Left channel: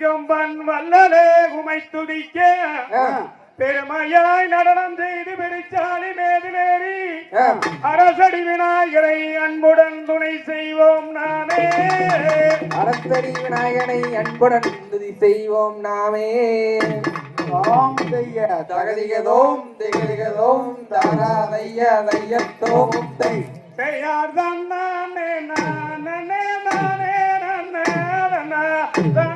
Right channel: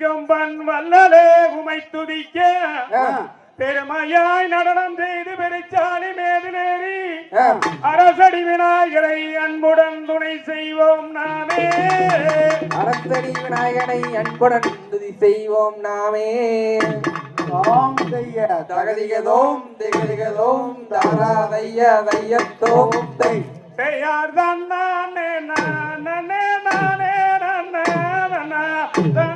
கம்பன் வல்லலே உமை துதிக்க. பெருமையாய் நடனம் செய்து பெருச்சாலை மேதிலேறி. அரசடி விநாயகரை அன்புடன் துணை செய்வோம் நாமே. அரசடி விநாயகரை அன்புடன் துணை செய்வோம் நாமே. ஆம் செய்ய தகதிகதோம் திகதிகதோம் தகராதைய வையத்தோம். பெயார் தான் நானே நானே நானே நானே நானே.